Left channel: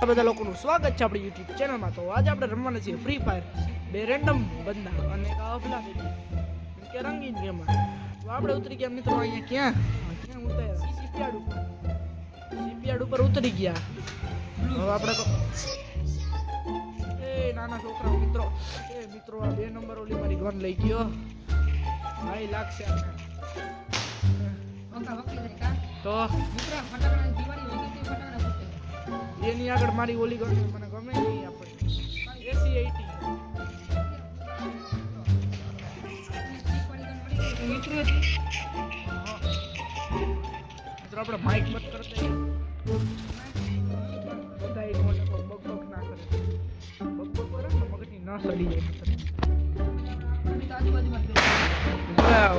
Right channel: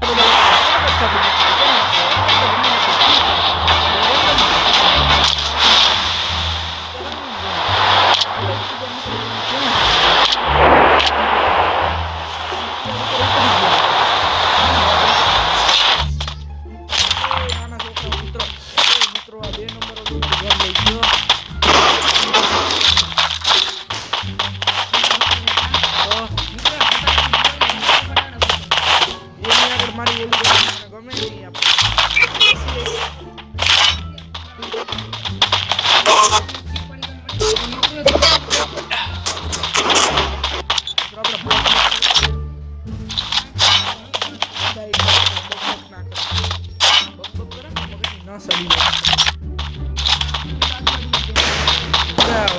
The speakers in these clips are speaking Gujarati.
બધા લોકોનું સ્વાગત છે આપણી ચેનલ પર. આજે આપણે રમવાના છે ફ્રી ફાયર. બે રેન્ડમ રંગીન ગેમ. આપણે ઉતરી ગયા મિત્રો અહીં ક્યાં? ઉપર ઉતરી ગયા. નાના છોકરા મિત્રો મિત્રો આ 2 નંબરો ગન લઈ ગયો. તો એની આગળ મારી ઓલી ગન મને ગમે નહીં આપણે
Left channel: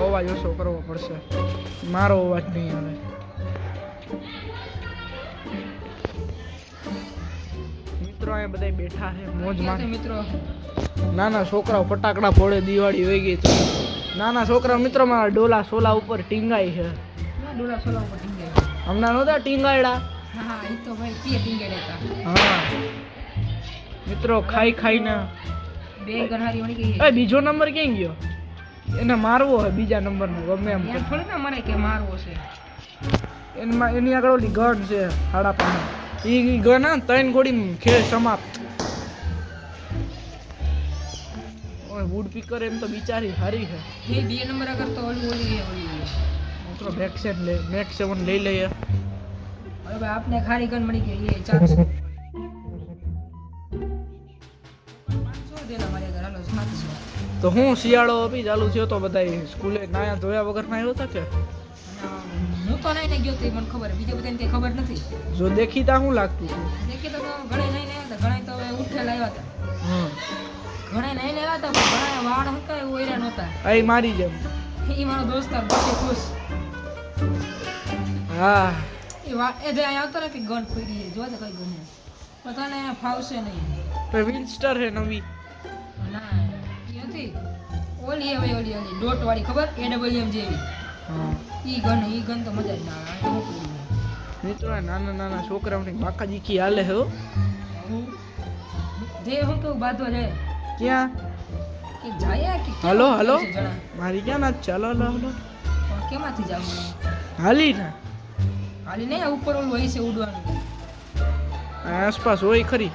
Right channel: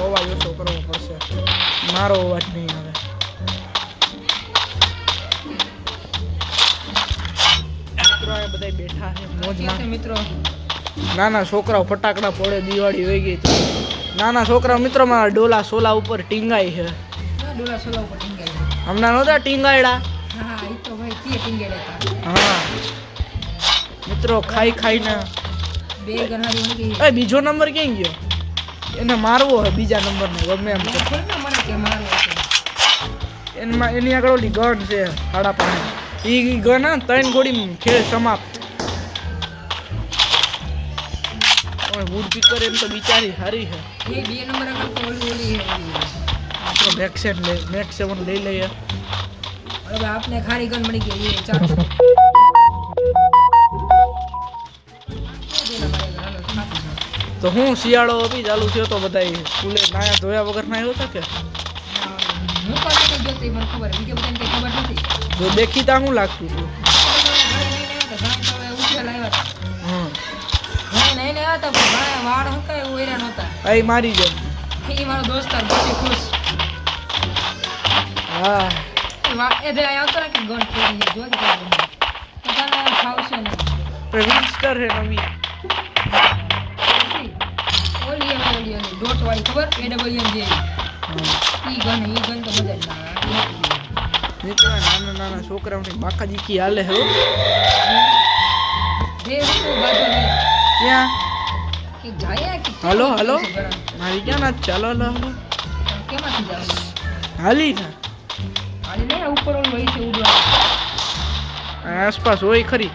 અવાજ ઓછો કરવો પડશે, મારો અવાજ નહીં આવે. મિત્રો આ બધા બેઠા છે મોજમાં. મિત્રો નાના છોકરાઓ ફટાકડા ફોડે, દિવાળી વહી ગઈ તો નાના છોકરા મિત્રો મારા ડોલા સોલા ઉપર ટીંગાઈ છે. હમણાં નહોતા ટીંગાયડા? હા મિત્રો ખાઈ ખાઈને બીજો નંબર ક્યાં ગયો? એને મારવો હોય બીજા નંબરને ગમે એમ એમાં. એની આગળ ઓલી ગન છે હાડા પાણી, એ ગન 3 ગોળી ખેલ સમાપ્ત. વુડ પીકર એમ તો બિચારી હારી છે. મેક્સ 7 લઈ લઈએ. આપને ખારી ગન મળી ગઈ. તો હું શિયાળો બી ચાલુ થયો તો બધા સ્કૂલે નાયા ધોયા વગર ના આવ્યો હતા કે જો દેખીતા હું લાગતું હતું. હા મારી જેમ. હા વિન્સ્ટર હે નવી ડોટ વાળી ખબર AWM જે ઈ ગન તો મજા ના આવે. મિત્રો નાના નાના છોકરાઓની બાકાજીકી હાલે હે. જે તો બાજુ ને ક્યાં કે જાય કે હાલો હાલો મારી ક્યાં ના ચાલો હાલો હાલો કેમાંથી જાવ હાલી ને ઉપર ઓલું હોય છે ઉડવા આસપાસ હોય ખરી.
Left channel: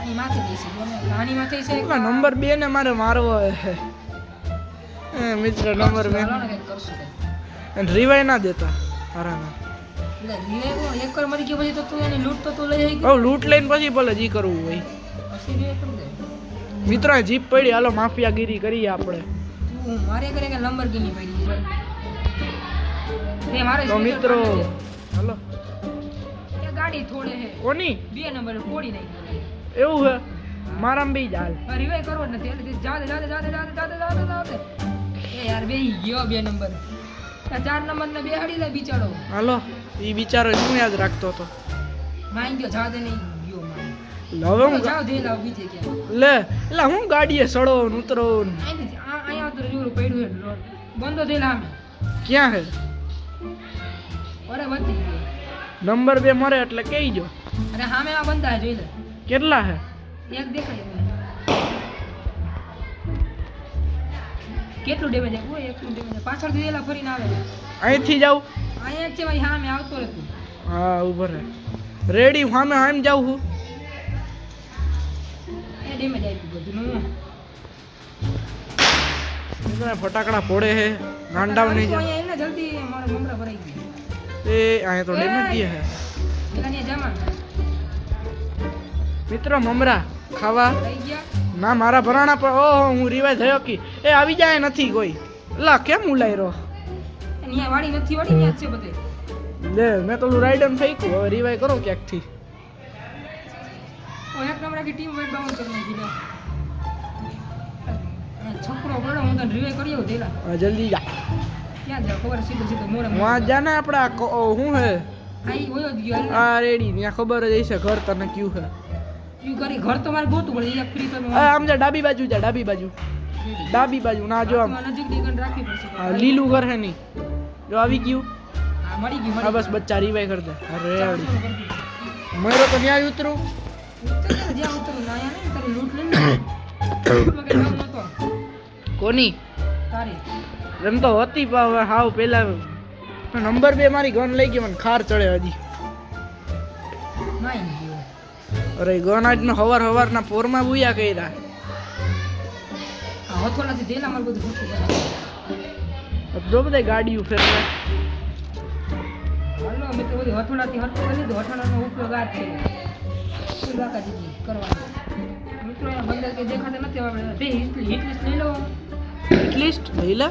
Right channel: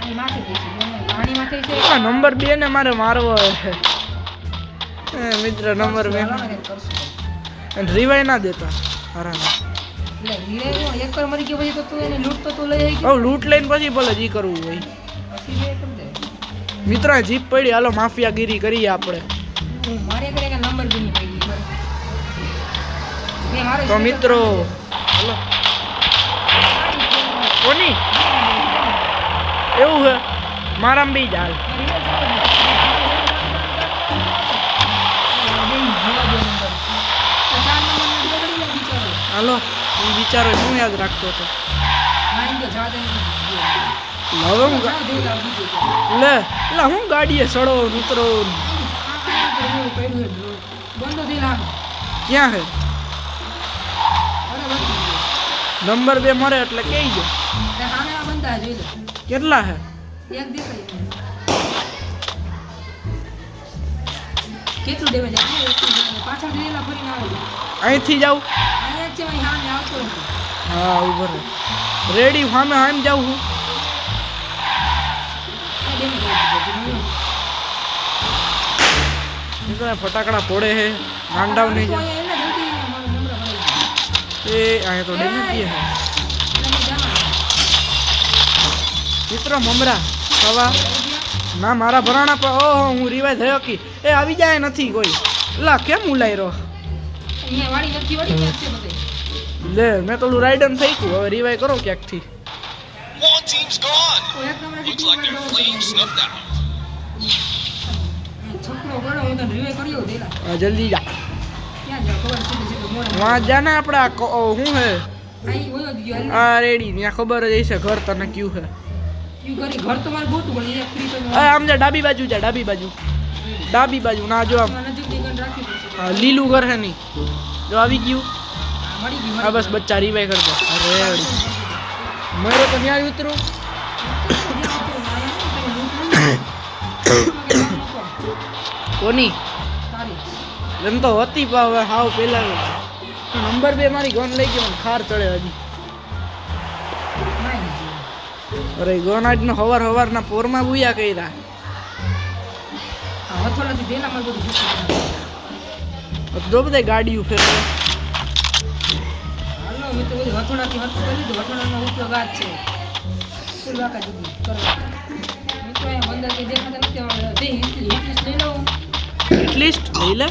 અહીં માથે જઈશે પાણી માથે છે. નંબર 2 ને મારે મારવો હે મિત્ર. નંબર 2 રિવાઈ ના દેતા હારાના. એટલે રિવાઈ એક વાર મરી ગયો પછી તો તું એને લૂટ તો તું લઈ આવી. હવે લૂટ લઈને પછી ભલે જી કરવું હોય. પછી રે કરી દે મિત્ર. જીપ પડી, હાલો માફિયાગીરી કરીએ આપણે. મારે કરે કે નંબર ગની પડી બરાબર. મે મારે તો મિત્રો હાલો કોની એવું હે મારામ બી જાલ. હાલો એ બિચારો શું યાદ રાખતો હતો? હવે હું લે હું ગાડીએ સડો ઉતરો. ક્યાં હે? નંબર 2 મરે એટલે કઈ ગયો. કેટલા હે? કેટલું ડેમેજ પાછળ દીધેલા ફરીને આવે. અહીંથી જાઉં? અહીંયા છે ભાઈ સામે આવતો હતો. હા ઉભર રેડી સામે આમ જાઉં હું. ફટાકડા ફોડે હે ગાંડાવ નહીં જાય એ અહીંયા તો ડેમેજ દે હે મિત્ર. મમરા ખાવા ના મારા ભરાણા પર. ઓહો હું રિવાય થયો કે એ આવી જાય નથી કોઈ. લા કેમ ઉલાઈ રહ્યો લે? મેં તો રાઈડન થઈ ગયું. હવે રિવાય કરો ક્યાંકથી. જલ્દી જા વहाँ जाना अपना हूँ है आ रेडी यहाँ खबर है जैसे घर तने क्यों है घर तो मारे बहुत बड़ी है फ्री तो आम जा डाबी बाजू ना जो आम लीलू घर है नहीं जो આવી ગયું આ બસ બચ્ચા રીવાય કરતો. અરે મયરો તો ન્યાય ઉતરું કોની એમ તો હતી પણ હવે હાવ પેલા નંબર 2 મારી ગન લઈ ગયો મને ખાર ચડે હજી. અરે ગન આજનો હવારના પોરમાં બુયા કર્યા. જો બધા ગાડીઓ ફેરવે. હિટલિસ્ટ લઈ લે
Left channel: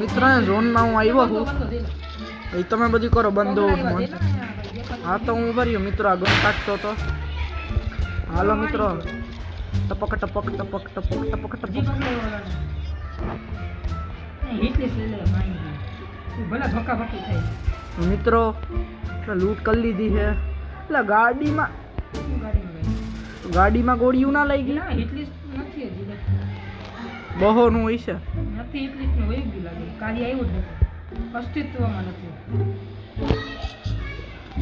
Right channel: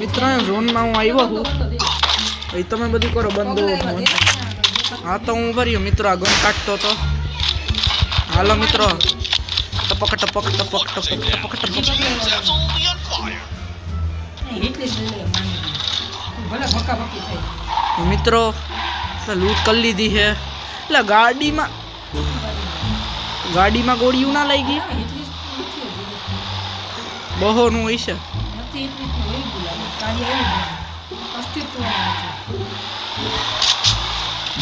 મિત્ર. ઝોનમાં હું આવ્યો છું. એ તમે બધી કરો બંધ. હા તો હું ભર્યો મિત્રો. આ ગન કાઢતો હતો. હાલો મિત્રો. ટપક ટપક ટપક ટપક ટપક ટપક. મિત્રો લૂંટ કરી લીધી છે. એટલે ગાડીમાં ગોળીઓ ના લઈ ગઈ. બહોનું હોય છે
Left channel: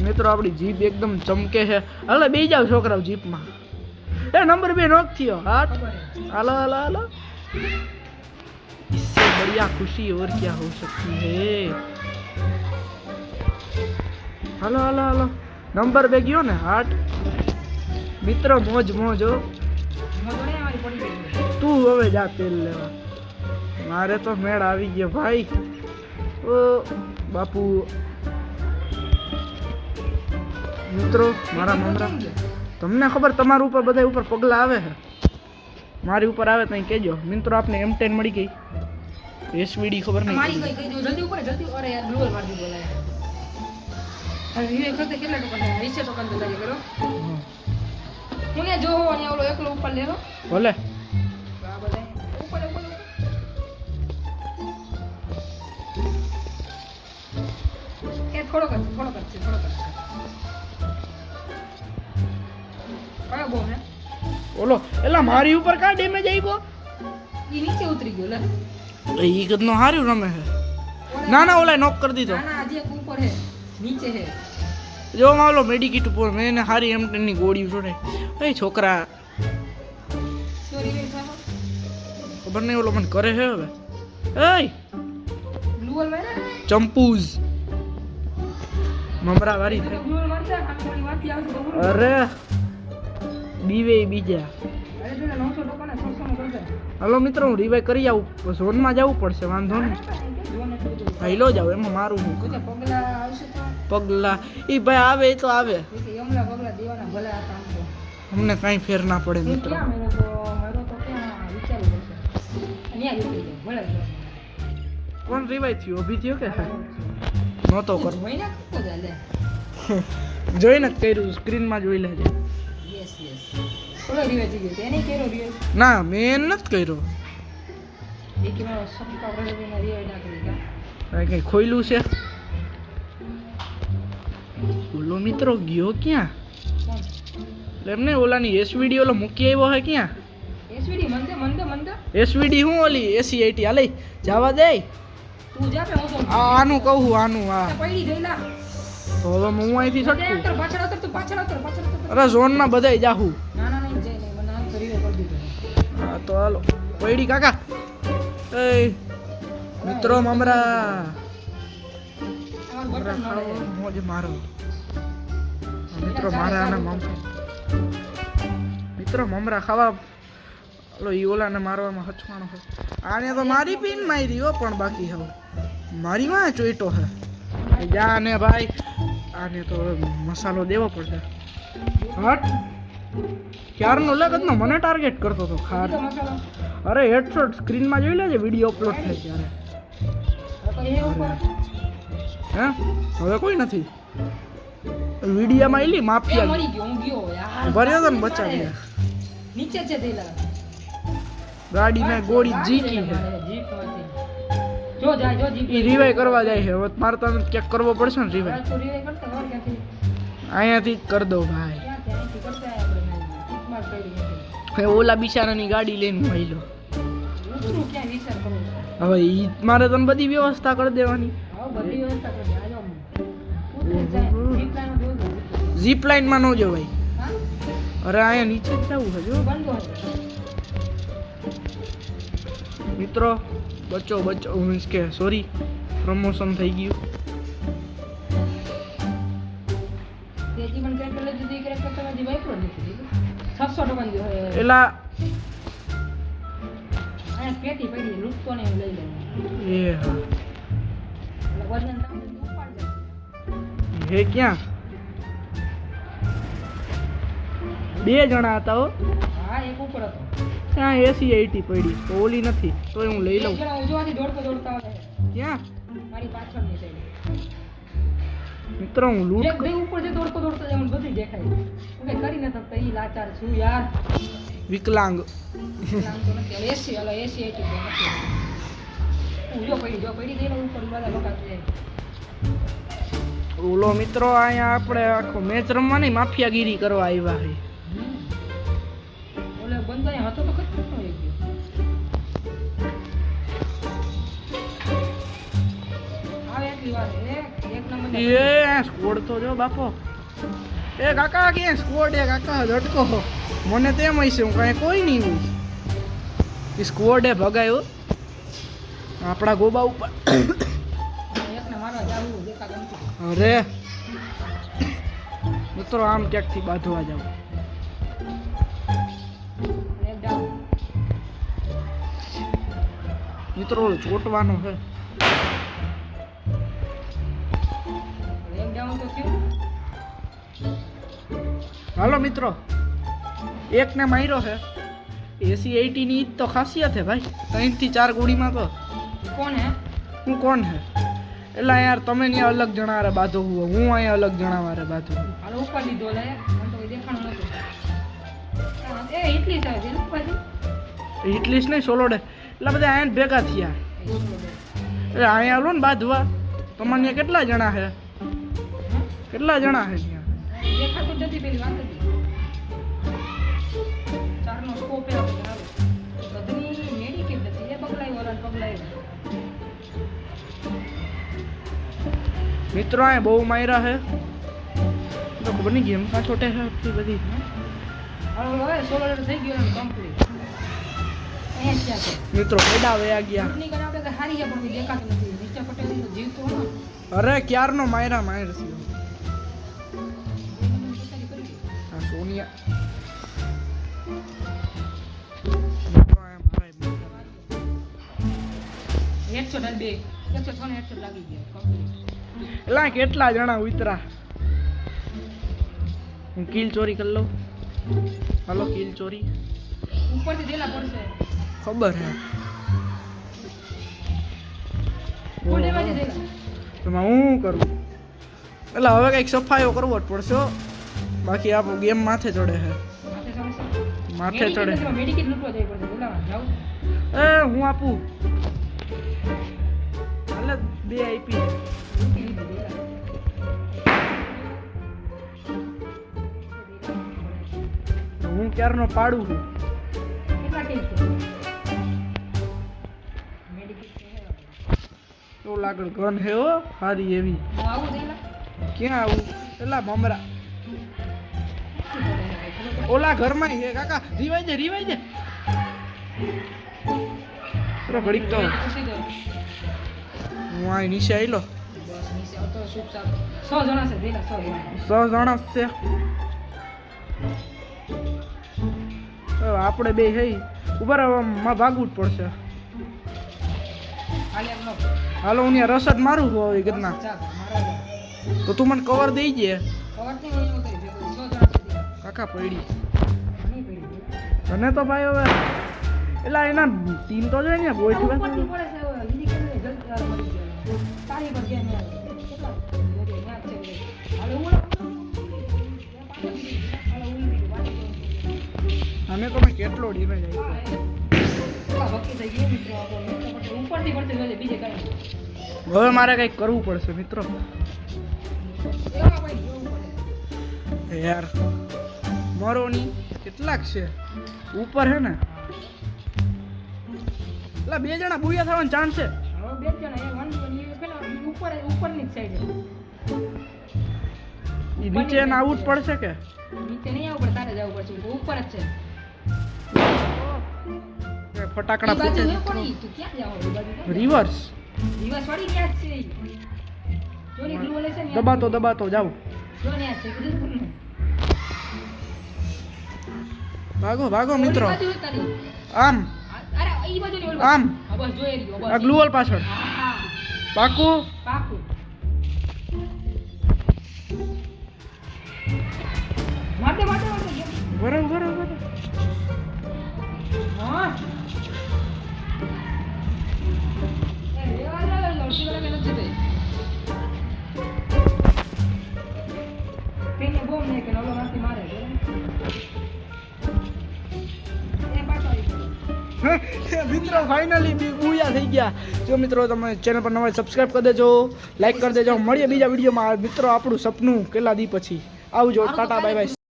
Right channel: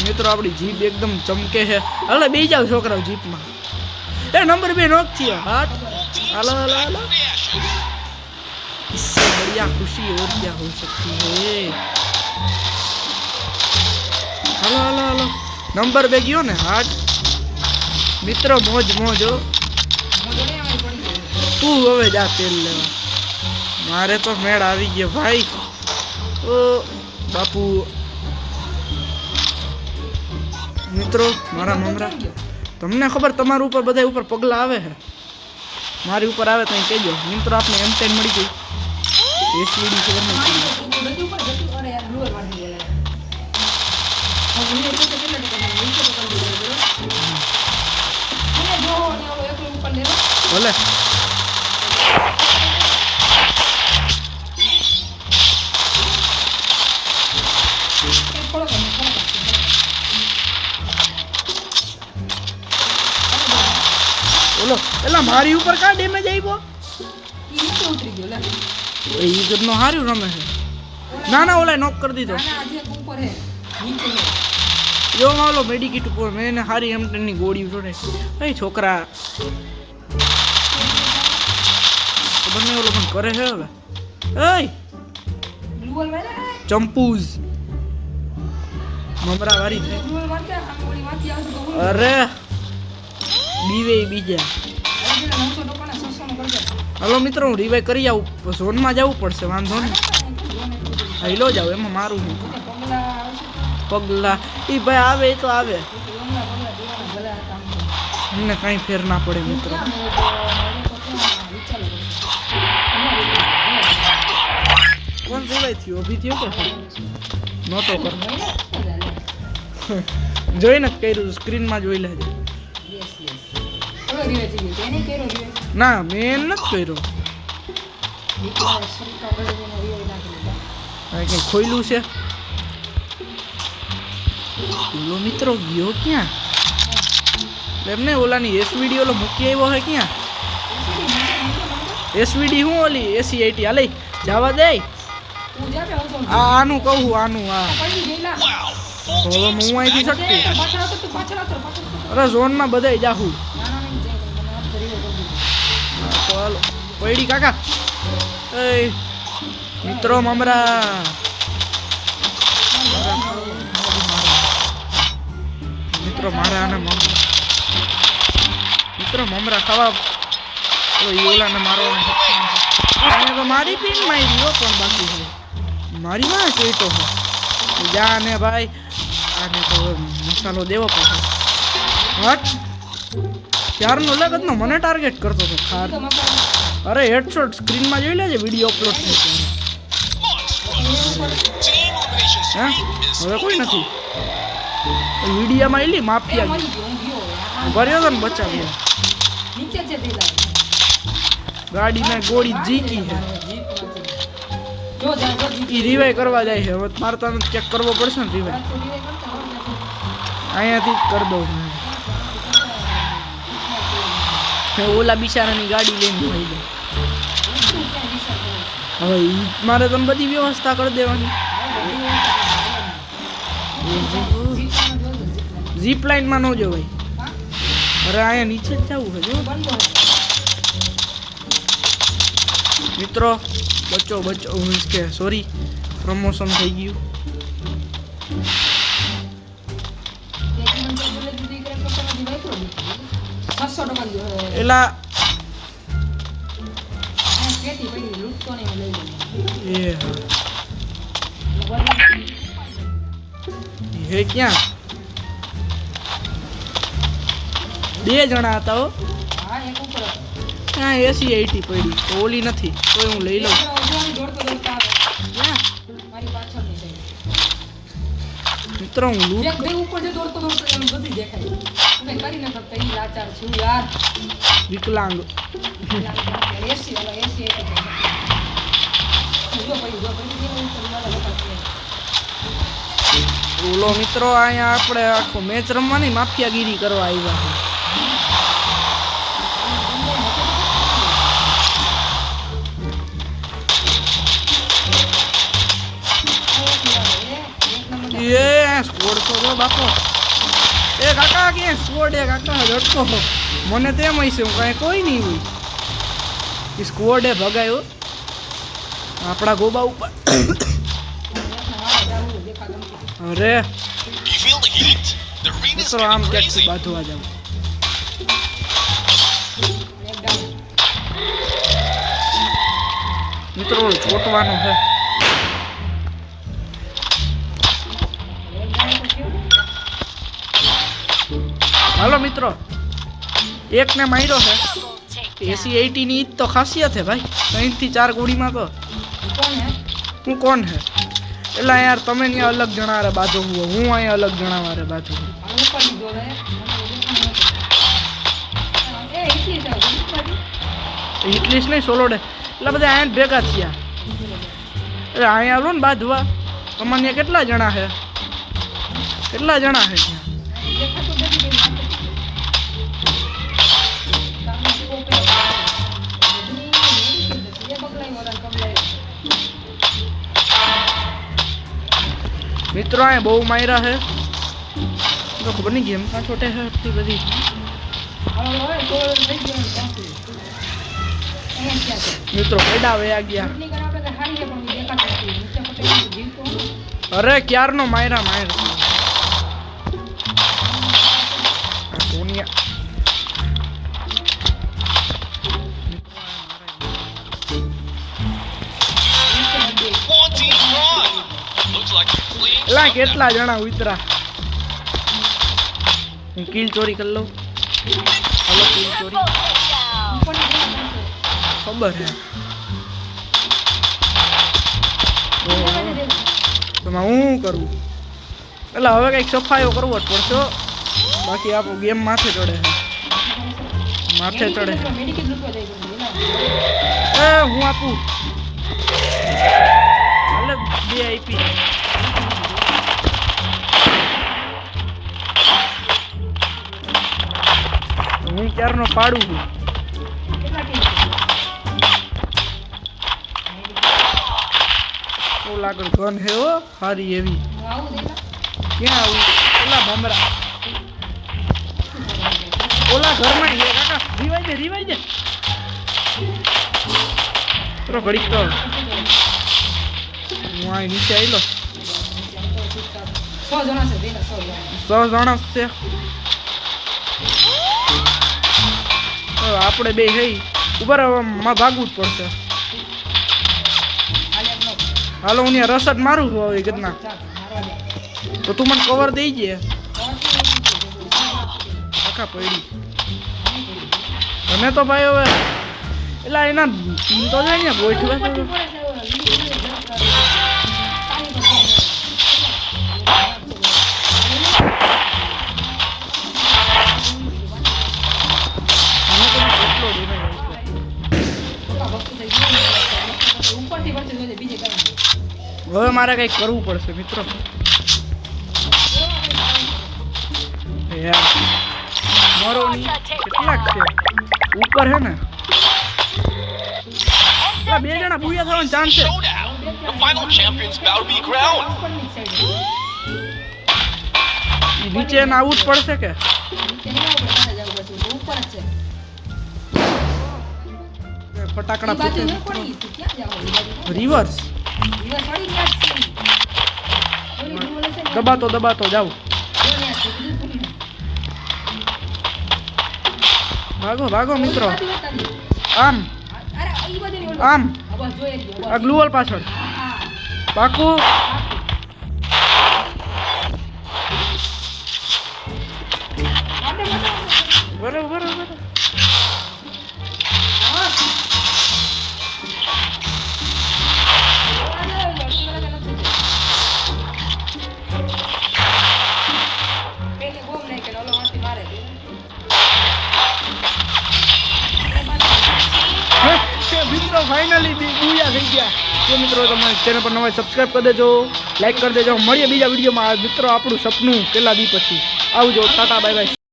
મિત્રો. આપણી જીપ એકદમ ચમકે છે. હાલો બે જાવ છોકરાઓ જીપમાં. એ નંબર 2 નોક થયો. હાટ હાલો હાલો હાલો. इससे बढ़िया खुशी और क्या हो सकती है. હાલો હાલો હાલો. નંબર 2 ગયો ને. હાટ મિત્રો મોજ મોજ હો. તું હવે જા તેલ લેવા. મારે તો મેળ આવી ગયો ભાઈ. ઓ બાપુ. મિત્રો મારા મમરા તમને ખબર તમારા ઉપર બધા ઉપર પગલા આવે છે. મારી ઉપર આવે તો કહેજો મિત્રો. આપણે M10 મળી ગઈ. એસવીડી ખબર નહીં પડી. ભલે બોલો. એલા મારી ઉપર કા ડેમેજ આવ્યો. ઉતરી ગયો લે. ઈ ગદનો હાર્યું રમે છે. ના ના ઓલા નોક કરી દીધો. જો માલો મેડિકિટ ઉપર મેં એને હારી M10 ની ગોળી જોડે. એ છોકરા ખબર નહીં ઓલો પણ કરે છે હવે. એ ચંપુઝ મમરા વારી થાય. અરે બીવે બીજા. હલો મિત્રો હું રિવાઈ કરી આવું. ઝોનમાં જવું પડશે. વાંધો નહીં. હાઈલો જાવ એમાં મારું હું પગલા. એ ભાઈ આવે એ તો આવે. અમને કાંઈ ફેર ના પડે મિત્રો. કોણ રિવાઈ થયું. અભી થયો કે નહોતો કર. જોઈને કર્યું. સ્ક્રીનમાં જોઈ લેજે. ના મેં નથી કર્યો. કઈ ખોયલું છે. ઓલો મિત્રો ગયો ક્યાં. એમને ઓલાની એસવીડી ઓલો મૂકી આવ્યો હે ક્યાં. એસવીડી હું ઓલી AC80 હાલે જવા દે. આનું કહું આનું. આ તો હવે હું અહીંથી છટકું. અરે ઝોનમાં બધાય જાહું. તો હાલો પૈડી કાકા. એ મિત્રો મમરા મિત્રો મારા આને મિત્રો મમરા ખાવા. ઓલાને મારવાનો અહીંયા તો મારી પીન મારી હો. પણ બાકી હવે મારી માં ચોઈટો હો. જા ને ભાઈ આને તો મસાલો દેવો પડશે. હટ ક્યારનો લગતનો મને ટાર્ગેટ કરતો હતો ખાર. અરે હેડશોટ સ્ક્રીનમાં જોઈ લેજે. વિડીયો અપલોડ થાય ત્યારે. હે હવે કોઈ નથી. વિડીયામાં એલી માફિયા ભર્યો હતો ને બચાવ્યા. ગાડીમાં ગોળી જીકી છે. એ રિવાઈ કરવા જાય છે. હવે મારે તને ચેક કરવો પડશે ને રિવાઈ. અહીંયાથી જ કરી દઉં ભાઈ. ઓલા બિચારાની ગાડી લઈને ભાઈ દઉં. હવે મારે તને બધી વ્યવસ્થા કરી દેવાની. ઝીપ લાઇનમાં ન જવાય. અરે અહીંયા નીચે જ જવું છે જો બંધો હે. મિત્રો બચો મીન્સ કે સોરી પ્રમોશન થઈ ગયું તેથી મને તો પેલે દીધી કે કસ્ટમરથી વાપરો નથી 600 ટકા દી એલા આ પેટી પડી લૂટતો ને હું લઈ લઉં એ હા એટલે હે ક્યાં બે જણા હતા હો હા એક ઉપર હતો ત્યાં એસી 80 પડી તો ઓલી નથી તોય હું લઈ લઉં ઉજવાની દોડતો દોડતો આવે ક્યાં મારી પાછળની સાઈડ મિત્રો હું લૂંટ એક ભાઈ ઉપર જે દોડતો દોડતો એમ બધી દેખાય હું કઈ કરી ન શકતો ઈ લાચાર છું યાર વિકલાંગ એસી વાળા એસી જો પડી દે ઉપર મારા લોકો ઓલો મિત્રો અહીંયા આપણે આખો મેચ રમવાની માફિયાગીરી કરવા આવ્યા છે એ સ્કોડ તો જો બાપો એ કાકા ક્યાં સ્કોડ એ કાકા ઝટકો મને તેમ હશે હું કાંઈ કોઈ નહીં હોય એ સ્કોડ એ ભગાયો આપણા ગોબા ઉપર અરે મિત્રો આમ ક્યાંકથી બાંધવા જાવ મિત્રો ચોટવાનું છે હાલો મિત્રો એકને માર્યો છે એસી 80 ની ઈજ તો ખાસિયત છે ભાઈ 3 થી 4 ગોળીમાં તો કોણ હે હું કોણ હે એટલે યાર તમે ત્યાં અલગ જણા રે બાજુ હું અહીંયા અલગ જણા વારે બાજુ આ ઉપર લીધો લે એ એટલી થાય ઉપર ઇટલીસ નહીં સોલોડે એટલે બધા અહીંયા જ ભેગા થયા એટલે અહીંયા આવો ને બાંધવા તમારે કેટલા જણા છે કેટલા જણા છે ત્યાં દેખાતું નથી પેલી મિત્રો અહીંયા બહુ માર્યા છે તો ખબર નહીં ગેમ કાં છોટે છે આટલી બધી મિત્રો પેડા વયા ગયા અરે ક્યારનો માયરા માયર છે આ સોનિયા એલા કેટલા જણા ઉતરા હું કિલ ચોરી કરી લઉં હલો કિલ ચોરી ખબર હે તો હું કરું એટલે હવે કંઈક સફાઈઓ કરવો જ પડશે બાકી આપણું ગેમ માથે ચડે છે માથે ચડે છે એ હું આપું હાલે 2 આપી હું ક્યારનો પાડું છું ઓ લાગડ ગન હે હો સારી એવી ક્યાં આવું ઓલા ભમરા ઓલા ઘરમાં હે કાકા રીવાઈ દે તો ઘડીક તો હું આ નીચે આવેલો 100 જણા છે 100 જણા છે આપણે બે હઈ ઉપર માં ભાગવું જ પડશે હાલો હું ત્યાં રસદ મારું છું હવે ગદના તો તું મને કવર દઈ દે આખા પડી તને તો ભાઈ હવે એટલે એના ટીમ તો જાય ને ગોઠવા કેટલો ડેમેજ હવે મારે કંઈક કરવું પડશે મિત્રો યાર મરો નહીં કેટલાક છે ઉપર હે ને એટલે 2 જણા બુયા થવાનો ચાન્સ છે નીચે આવું જ પડશે કે હતું તો ઉપર જ છે એ ફટાકડા ઈ બાજુ ફૂટે નહીં મિત્રો. પડી, તું ક્યાં જાવ? ઈ બાજુ ક્યાં રિવર્સ જાવ? રિવર પડી ગયા જ છે ઈ. થોડી દૂર હશે ને, દબાતો દબાતો જાવ. જો ન્યા છે, બધું ખુલ્લું. ભાગો ભાગો મિત્રો. ઓલી બાજુ હતા રી. આમ અરે ઈ બાજુ નહીં, ઓલું. આમ હા, બસ જોઈ લ્યો, બસ. આ ગ્લુઅલ પાછળ હા, પાકું. પાકું. મારને, મારને. બરાબર બરાબર. હા. જોવા જાવ, લડકી વાળા કે નથી તે. પેલે બોમ્બ નાખે ને ઓલો માંથી મારે મિત્રો ફાઇનલી બુયા થઈ ગયા. તો મિત્રો તમે ચેનલ પર નવા સબસ્ક્રાઇબ કરી દેજો, લાઈક કરી દેજો. મળીએ બીજા વિડીયોમાં. મિત્રો આપણું સપનું કેટલા દી પછી. આવજો, ટાટા બાય બાય.